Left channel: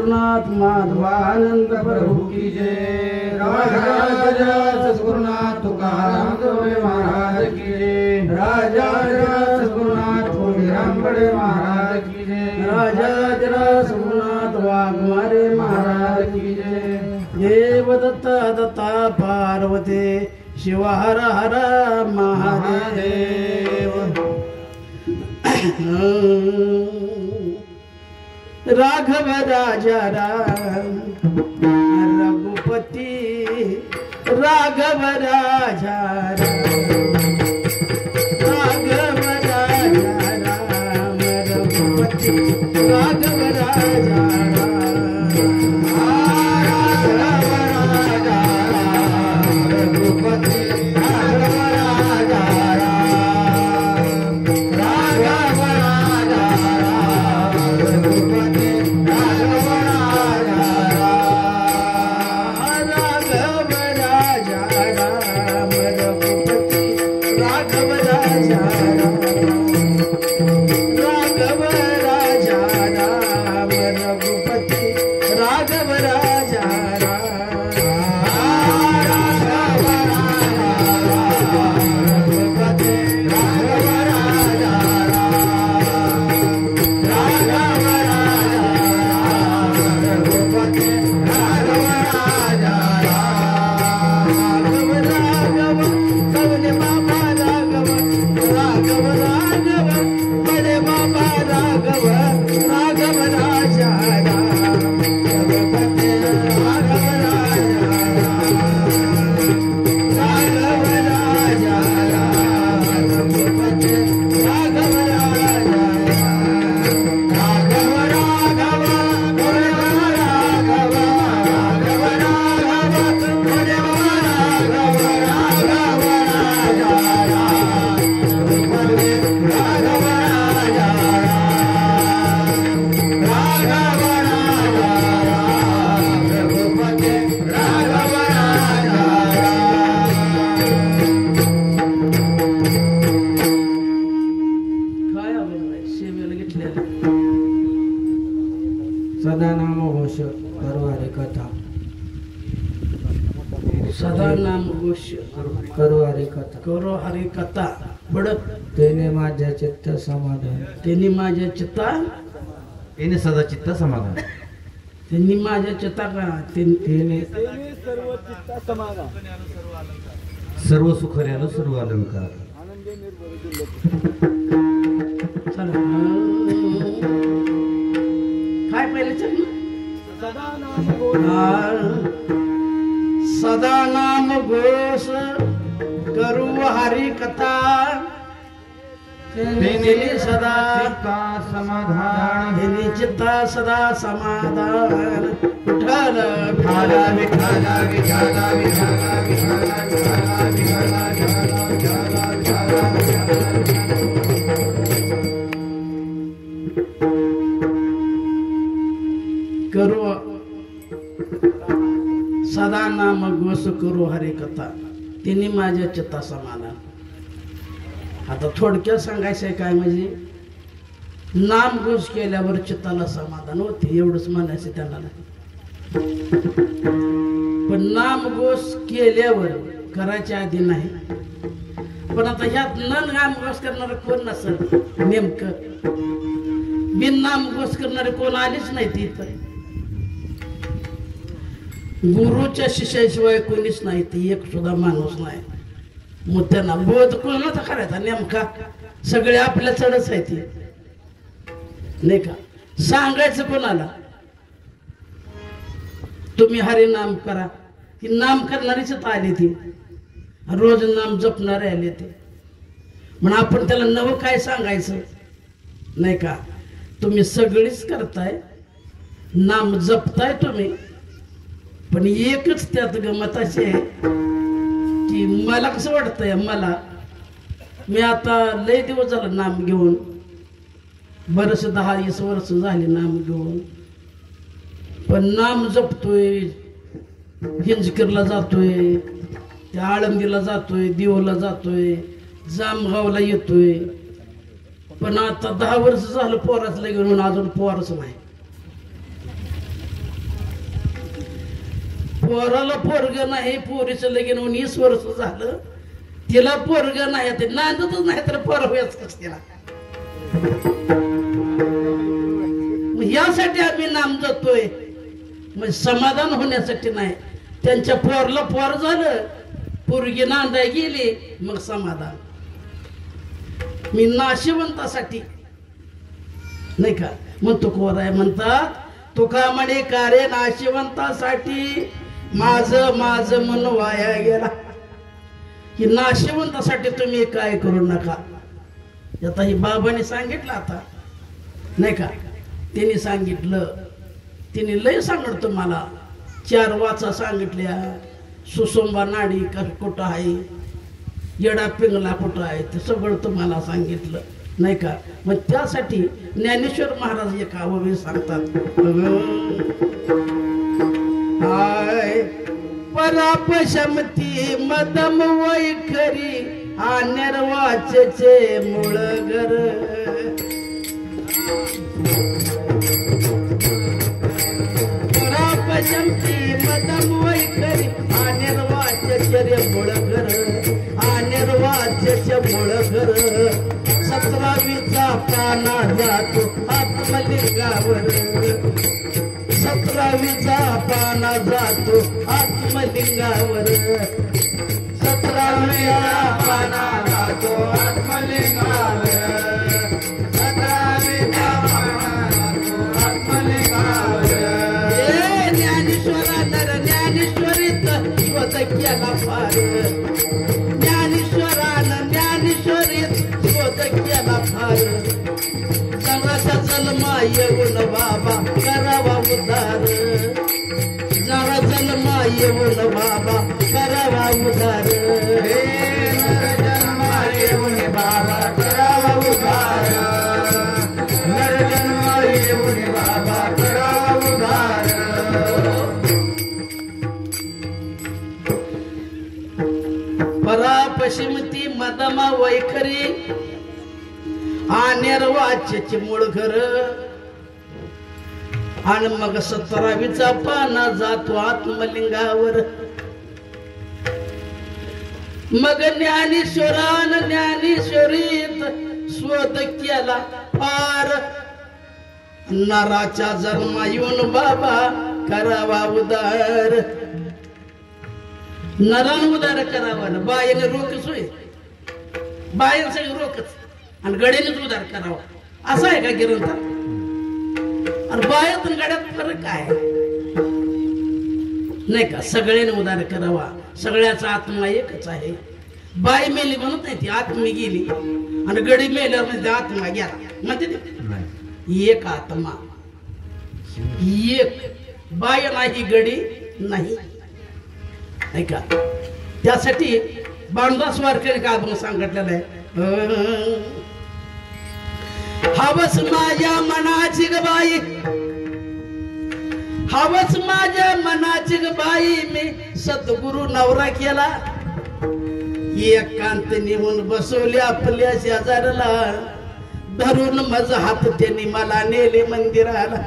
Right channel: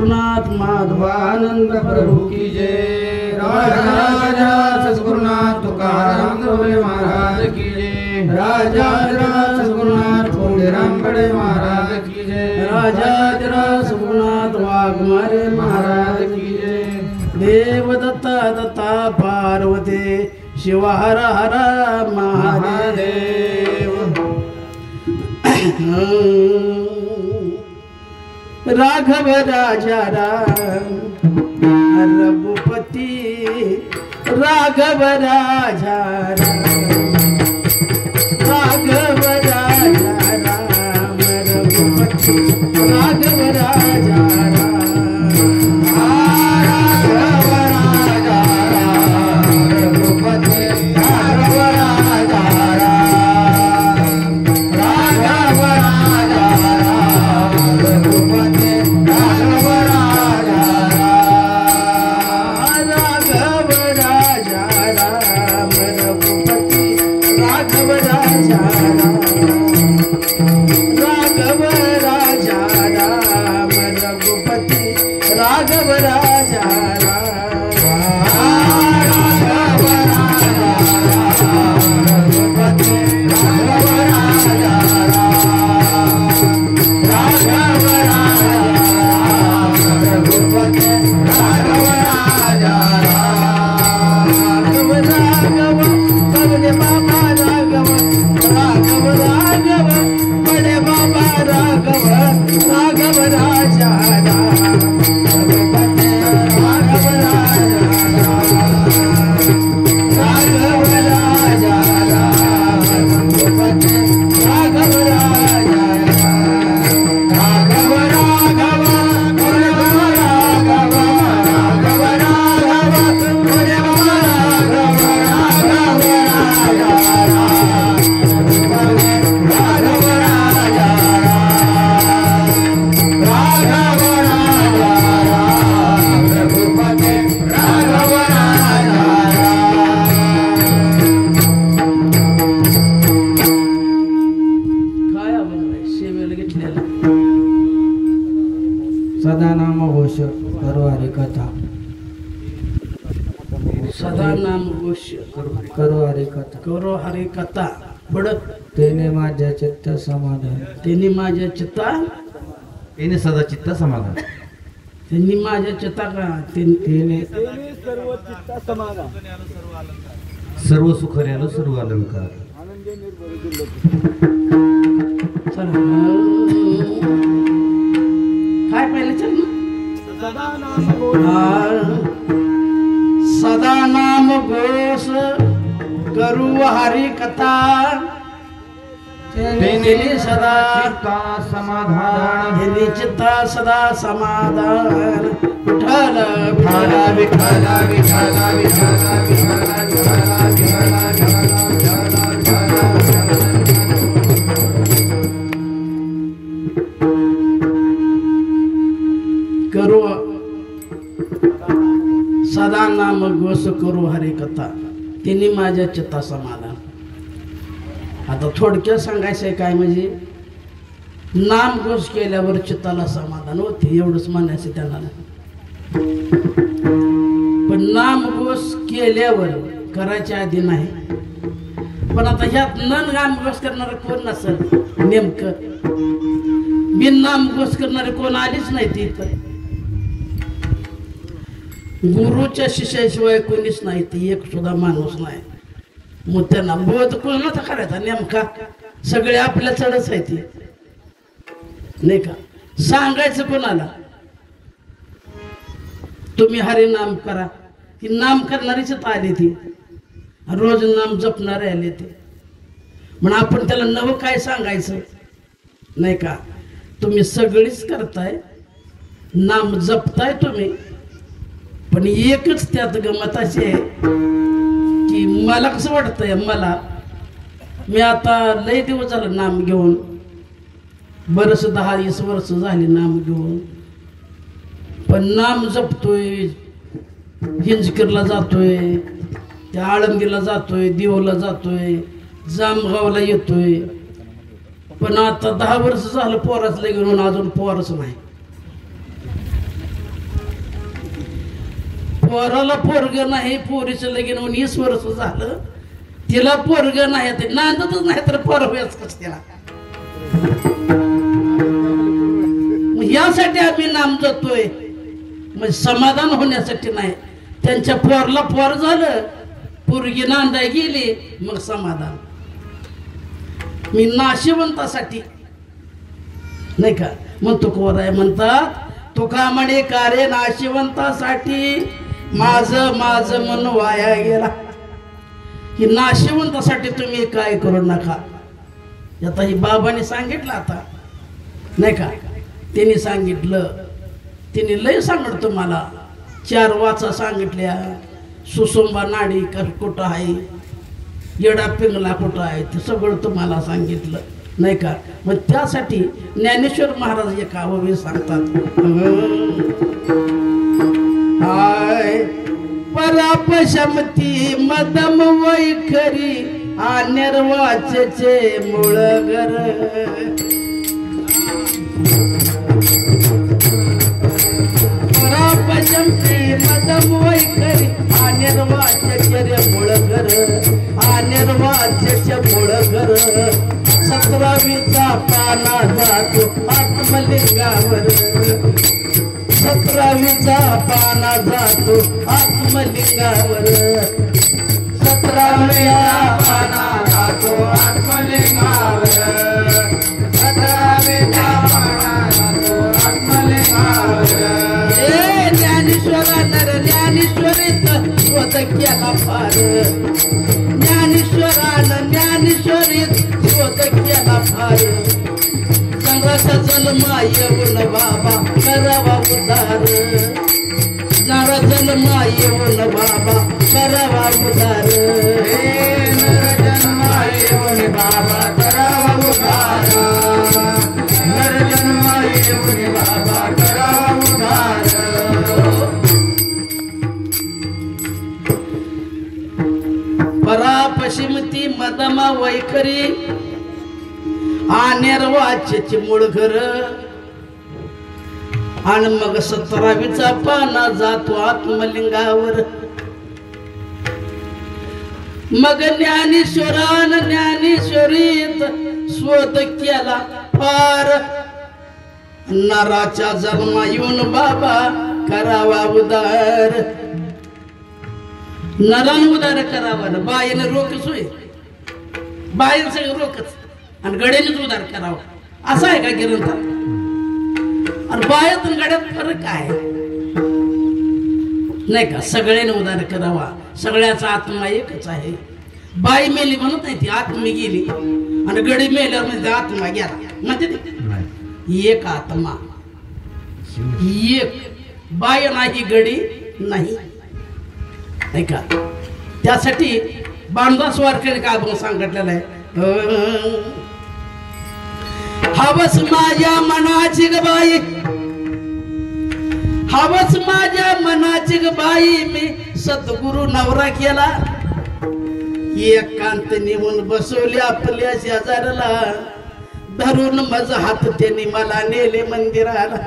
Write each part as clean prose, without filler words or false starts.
गुरुनाथ माधवानंद प्रभु की जय। राजा सद्गुरुनाथ तुकाराम गवळे महाराज की जय। राजा सद्गुरुनाथ कोंडीराम बडे महाराज की जय। राजा सद्गुरुनाथ वाघमारे महाराज की जय। देवदत्ता दत्ता पार्वती शिव हर हर महादेव। राघव राजा राम रघुपति राघव राजा राम राघव राजा राम रघुपति राघव राजा राम राघव राजा राम रघुपति राघव राजा राम राघव राजा राम रघुपति करो हरी कथा पुढं तेने माझ्या चित्त समाधान त्यांनी माझ्या चित्ता येणे सदा चित्त समाधान त्यांनी माझ्या चित्ता का त्यांनी सर्व चित्त समाधान सर्व सुख आलं सर्व अलंकार आनंदे निर्भय काय पाहिलं चल सदा नाम घोष करू हरी कथा गेली सदा समाधान गेली चित्ता सदा समाधान विठ्ठल विठाला विठाला विठाला विठाला करू सदा नाम घोष करू हरी कथा तिने माझ्या चित्ता समाधान। आता थोडक्यात सांगायचंय काय म्हणजे नाम घोष केल्यावर चित्ताला समाधान होते एवढंच म्हणायचं त्यांना। पण नाम घोष केल्यावर करायच्या आधी नाही। पण आता ह्यात नाम घोष करणारे कोण नसेल नेमकं बिन नाम घोष करणारे कोण आलीच नाही तिथं। गुरुच्या शिष्याशिवाय कोणीच नाही ती एक सुद्धा माणूस नाही। मग त्यांना बोध कोणाचा करायचा नेमका सगळे आपल्या चढच आहे ते नाही का सांगायचं कोणाला तुम्ही हरी नाम करा ती नाम करणारीच आली ती रोज नाम जपणारे आले ते म्हणून आपण त्याला नवं काय सांगायचं नाही का। तुम्ही सगळीच करताय नाम जपताय तुम्ही पण एकच त्यात गमत अशी आहे की मला कसं वाटतंय मला मी आता लय दिवस झालं नाम घेऊन बरंच 10-20 वर्ष झाली नाम घेऊन पण नाम जपतोय हिंजकीरला जातोय त्या आळंदीला जातोय दिवला जातोय जामगावला येतोय पण आता 10 वर्ष झालं पोराच लय घेऊन अजून पोरच नाही पोराला पोरग नाही, पोरीचं लगीन होऊन 20 वर्ष झालं, तिला पोरग नाही, ते नांदतच नाही तर पोर होयच कस तिला. यासाठी आम्ही नाम जातोय, म्हणजे समाधान होण्यासाठी नाही. त्यांच्या पोरला पोर झालं, पोरगी नांदाय गेली, मग समाधान. मी नाशिवंतासाठी नाही का म्हणतो. कोराय म्हणतात तुका म्हणे का रे नाशिवंतासाठी माझं मन वाया गेला. की नाशिवंतासाठी तुम्ही काय करू नका. आता ही बाबांनी सांगितलं, आता नाही का त्यांनी सांगितलं, तिने लय सांगत तुम्हाला 4 वाचा सांगितल्या. सुसुंबा नाडी कुठं आहे, येडा पिंगला कुठं आहे, ते सगळं तुम्हाला सांगितलं नाही का. मग त्यासाठी ज्ञानेश्वर महाराज एक आवडी सांगतात. हाय परापशमती मदम वैखरी निर्वाचेचे मूळ घर. परापशमती मदम वैखरी निर्वाचेचे मूळ घर. निर्वाचेचे मूळ घर. 17वीचा पाना जातो आत्मलिंगावर. 17वीचा पाना जातो आत्मलिंगावर. 17व्या पाना जातो आत्मलिंगावर. 17व्या पाना जातो आत्मलिंगावर. हे ज्ञानेश्वरा नर ज्ञानेश्वरीत स्वत केला फार. ज्ञानेश्वरानं ज्ञानेश्वरीत स्वत केला फार. जगाचा जन्मा येऊन बाबा करावा उद्धार. जरा जन्मा येऊन बाबा करावा उद्धार. नर जन्मा येऊन बाबा करावा उद्धार. नर जन्मा येऊन बाबा करावा उद्धार. परापशिमती मदमा वैखरी निर्वाचेचे मूळ घर. आणि मग 17वीचा पाना जातो आत्मलिंगावर. मग ज्ञानेश्वरान ज्ञानेश्वरीत स्वत केला फार. नराच्या जन्मा येऊन बाबा करावा उदार. नरान उदार करावा ना. बाईनं रोखच होय, बाईनं सगळं रोखच, आणि गड्यानेच उदार करावा असं आहे का गिरंता. आणि बायात गड्यात फरक काय नाही का. सगळ्याने उदार करावा. सगळ्याचा आत्मा एकच आहे. बाई मेली म्हणत नाही, ती आत्मी गेली. आणि गडी मेल्यावर म्हणजे आत्मा गेला म्हणते. एक आत्मा एक. बाय नाही गडी नाही नाही का. त्यासाठी बांधवास वारकरी का आपण सांगितलेलं आहे. हवस माझ्या मनाची ग बाई, हवस माझ्या मनाची ग बाई. मी सद्गुरु नवरा केला. एकांत नेऊन बसवले आपल्या शेजारला. धरून मज हात त्यांनी मला नेले मंदिराला.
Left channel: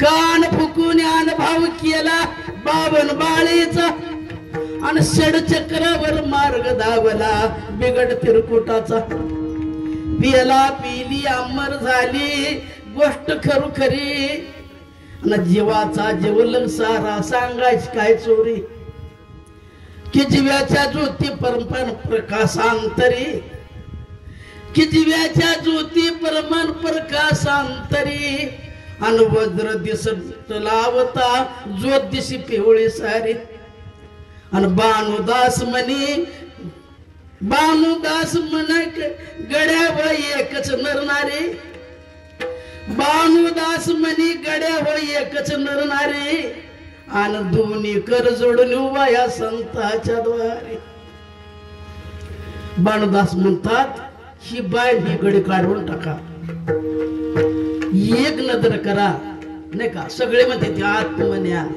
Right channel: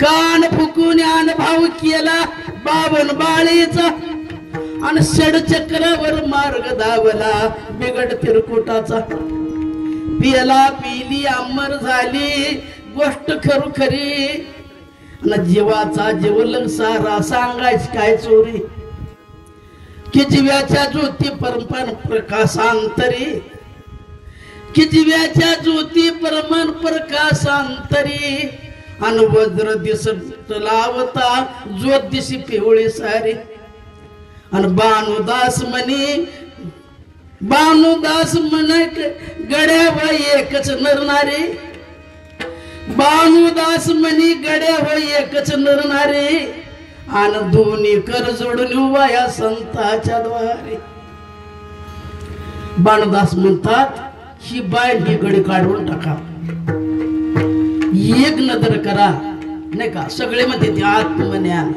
कान फुकून अनुभव केला 52 बाळीचा. आणि षडचक्रावर मार्ग धावला बिगड तिरकुटाचा. पिला पिली अमर झाली गोष्ट खरोखरी. आणि जीवाचा जीवलंग सारा सांगायच काय चोरी. की जीव्याच्या ज्योती परमान प्रकाशांतरी. की जीव्याच्या ज्योती परमान प्रकाशांतरी. आणि वज्र दिसत लावता ज्योत दिशी पिवळी सारी. आणि बाणुदास म्हणक गड्या बाई एकच नरणारी. बाणुदास म्हणी गड्या बाई एकच नरणारी. आणि दोन्ही कर जोडून उभा या संताच्या द्वारे. बाणुदास म्हणतात ही बाय ही गडी काढून टाका. एक नजर करा नाही का. सगळे म्हणते ते आत्मज्ञान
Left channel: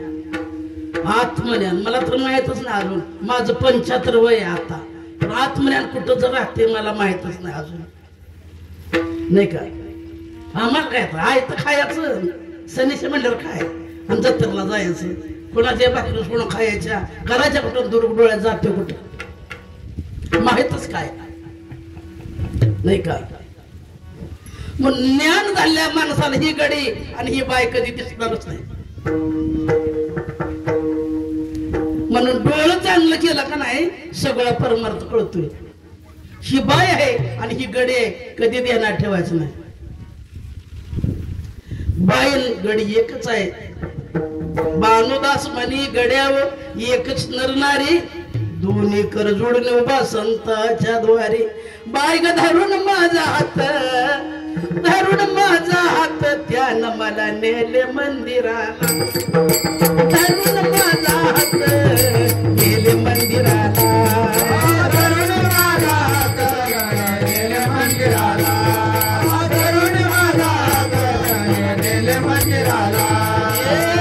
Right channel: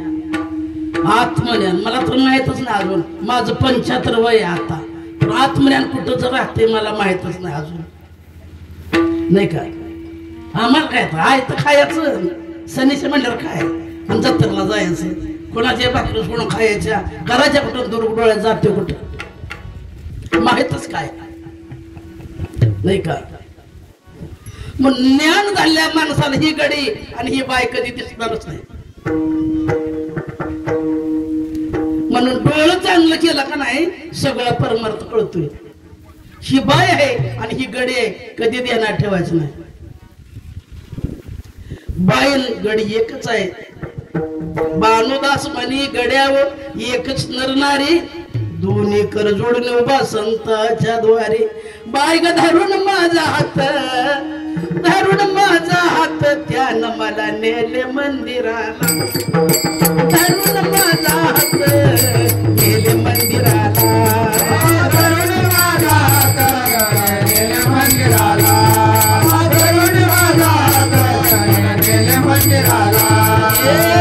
आत्मज्ञान. मला तर माहितच नाही अजून. माझं 75 वय आहे आता. पण आत्मज्ञान कुठं जर राहते मला माहितच नाही अजून नाही का. आम्हाला काय आहे तर खायचं. सनीचे म्हणल्यावर काय आणि जत्रेला जायचं. कोणाच्या भाकरी सोडून खायच्या, घराच्या कुठं दूर डोळ्यात जाते कुठं माहितच काय नाही का. मग ज्ञान झाल्या माणसाला ही गडी आणि ही बाय कधी दिसणारच नाही. म्हणून डोळं चांगलं केलं का नाही सगळं परमार्थ कळतोय. ही बाय आहे आणि ही गडी आहे कधी ध्यानात ठेवायचं नाही. बाय गडी एकच आहे. भानुदास म्हणी गड्यावर एकच नरणारी, दोन्ही कर जोडून उभा संताच्या द्वारे. बाय ग धरून माझा हात, धरून माझा हात, त्यानं मला नेले मंदिराला. धरून माझा हात नेले मंदिराला, धरून माझा हात नेले मंदिराला, धरून माझा हात नेले मंदिराला.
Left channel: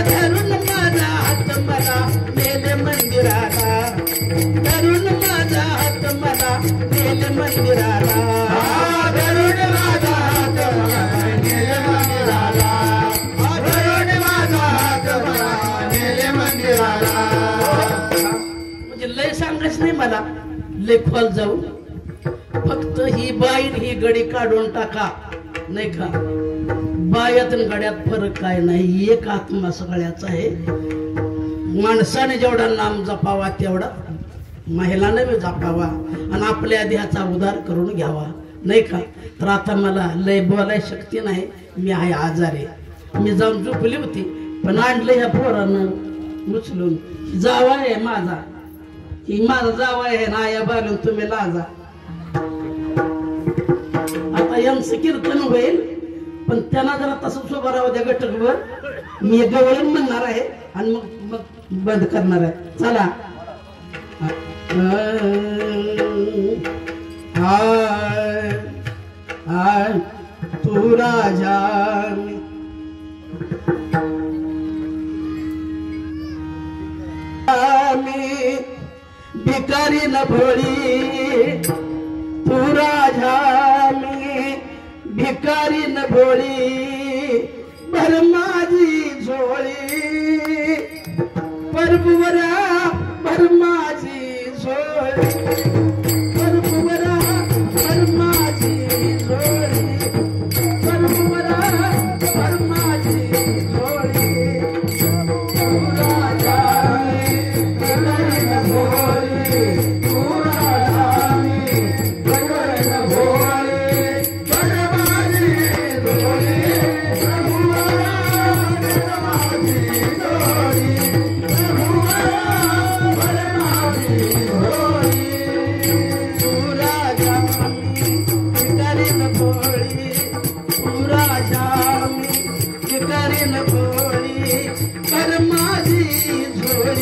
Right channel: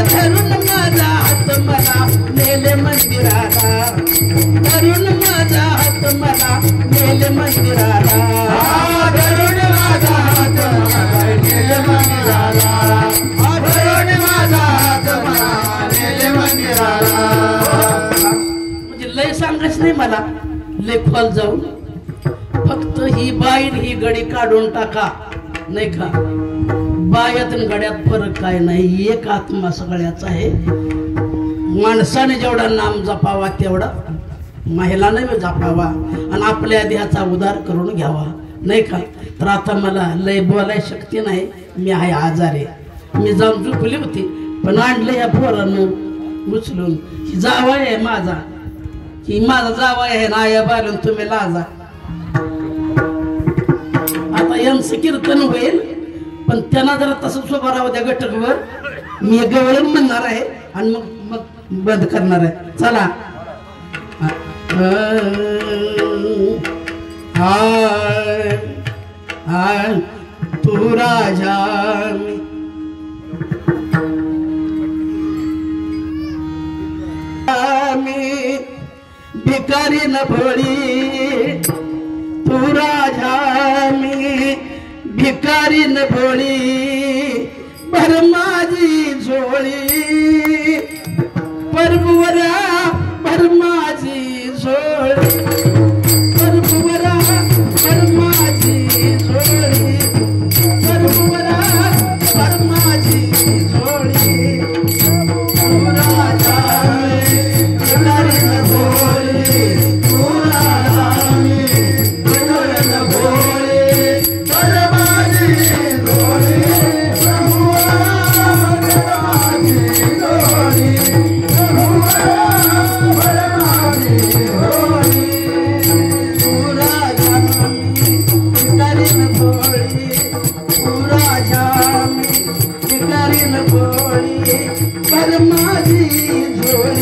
धरून माझा हात मला नेले मंदिराला, धरून माझा हात मला नेले मंदिराला, धरून माझा हात नेले मंदिराला, धरून माझा हात मला नेले मंदिराला. म्हणजे लय सांगायच नाही मला, लय खोल जाऊ, फक्त ही बाई ही गडी काढून टाका नाही का. बायात आणि गड्यात फरक काय नाही, एक आत्मा सगळ्याचा आहे. माणसाने जेवढा नाम जपावा तेवढा महिलाने जपावा आणि आपल्या देहाचा उद्धार करून घ्यावा नाही का. तर आता मला लय बोलाय शक्ती नाही, मी आहे आजारी. मी जाऊन झोपली होती पण आणलं या पोरानं उचलून. ही जावा आहे माझा, ही माझा जावा आहे ना या बालून तुम्ही लाजा. आता यांचं कीर्तन होईल पण त्यांना जरा तसंच उभा राहू द्या गटकवर. मी गवळण म्हणणार आहे आणि मग मग बंद करणार आहे. चला तू राजा मी भिकारी न भोळी, तू राजा मी भिकारी न भोळी, भर माझी झोळी परबुवरा, भर माझी झोळी परबुवरा, भर माझी झोळी परबुवरा, भर माझी झोळी. तू राजा भिकारी न भोळी, तू राजा भिकारी न भोळी, भर माझी झोळी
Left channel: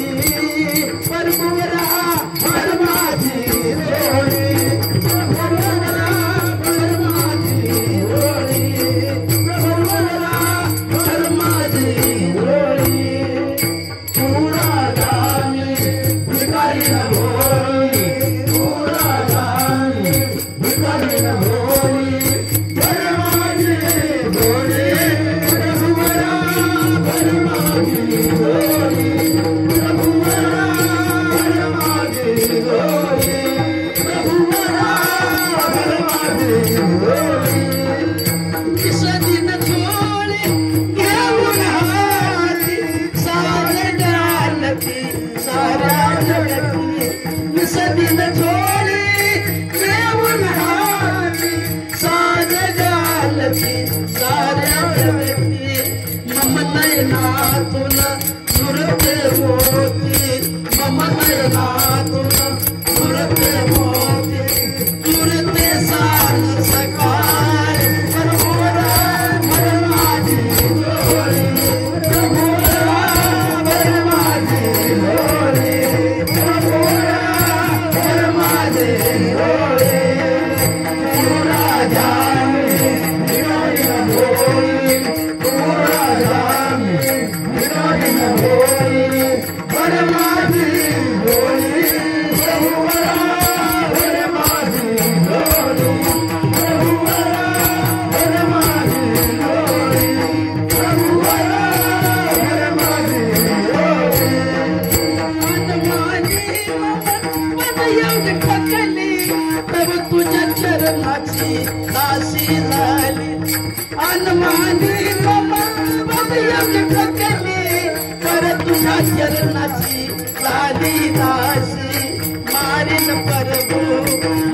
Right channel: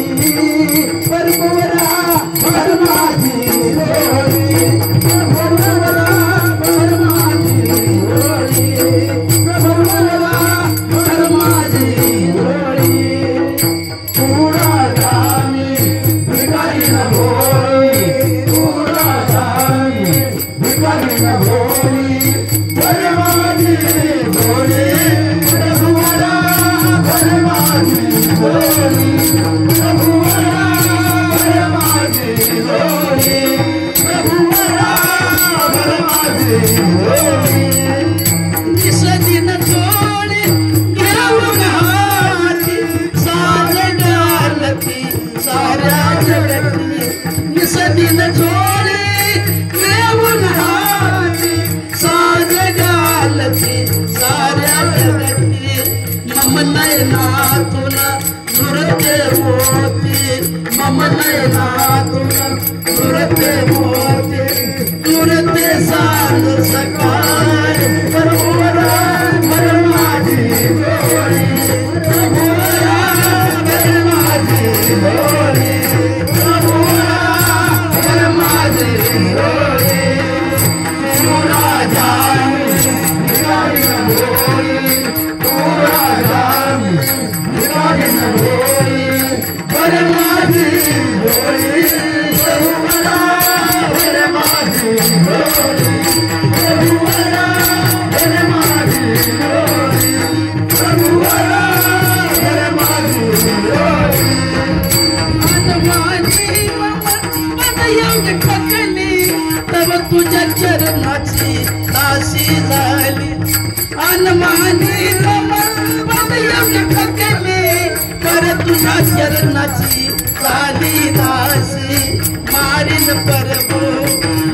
कर तुझ्या चरणाची साधी दासी मारीन प्रभू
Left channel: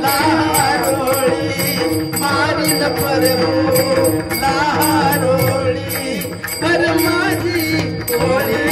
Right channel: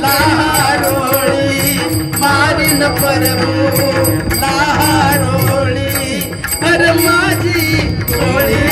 लाहारोळी मारीन प्रभू लाहारोळी कर माझी होळी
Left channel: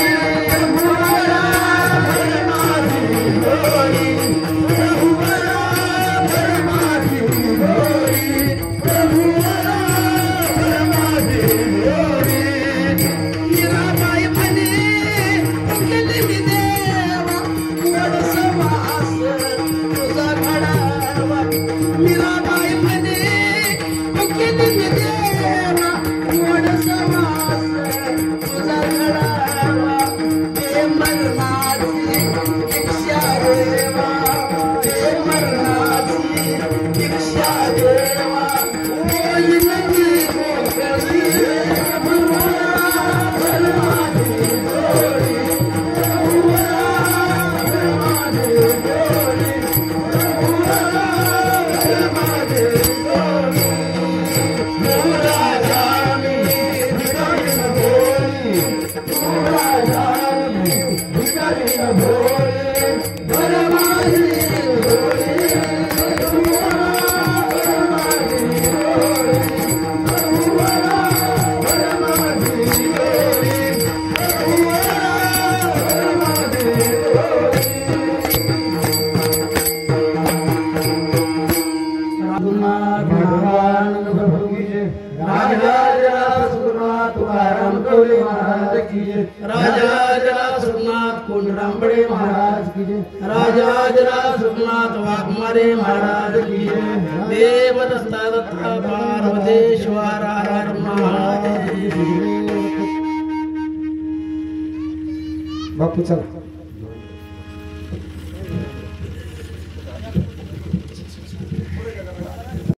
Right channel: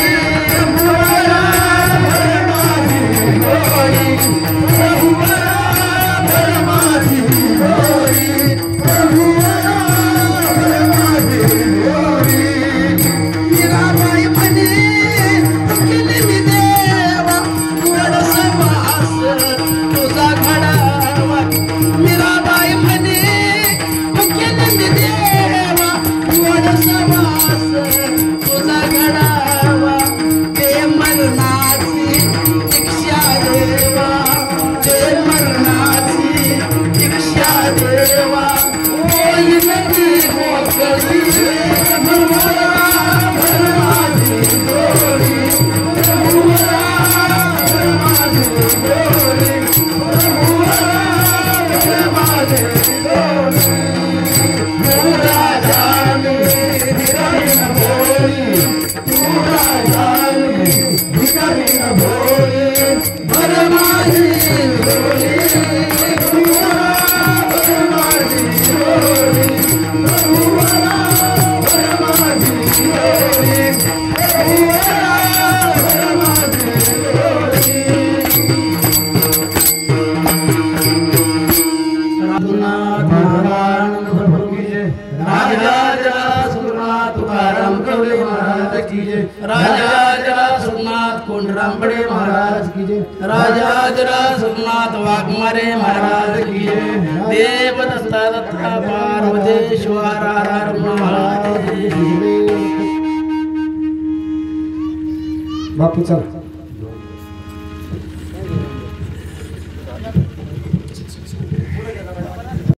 राजा सोमनाथ वाघमारे महाराज की देव दत्ता दत्ता पार्वतेश्वर महाराज बापू चला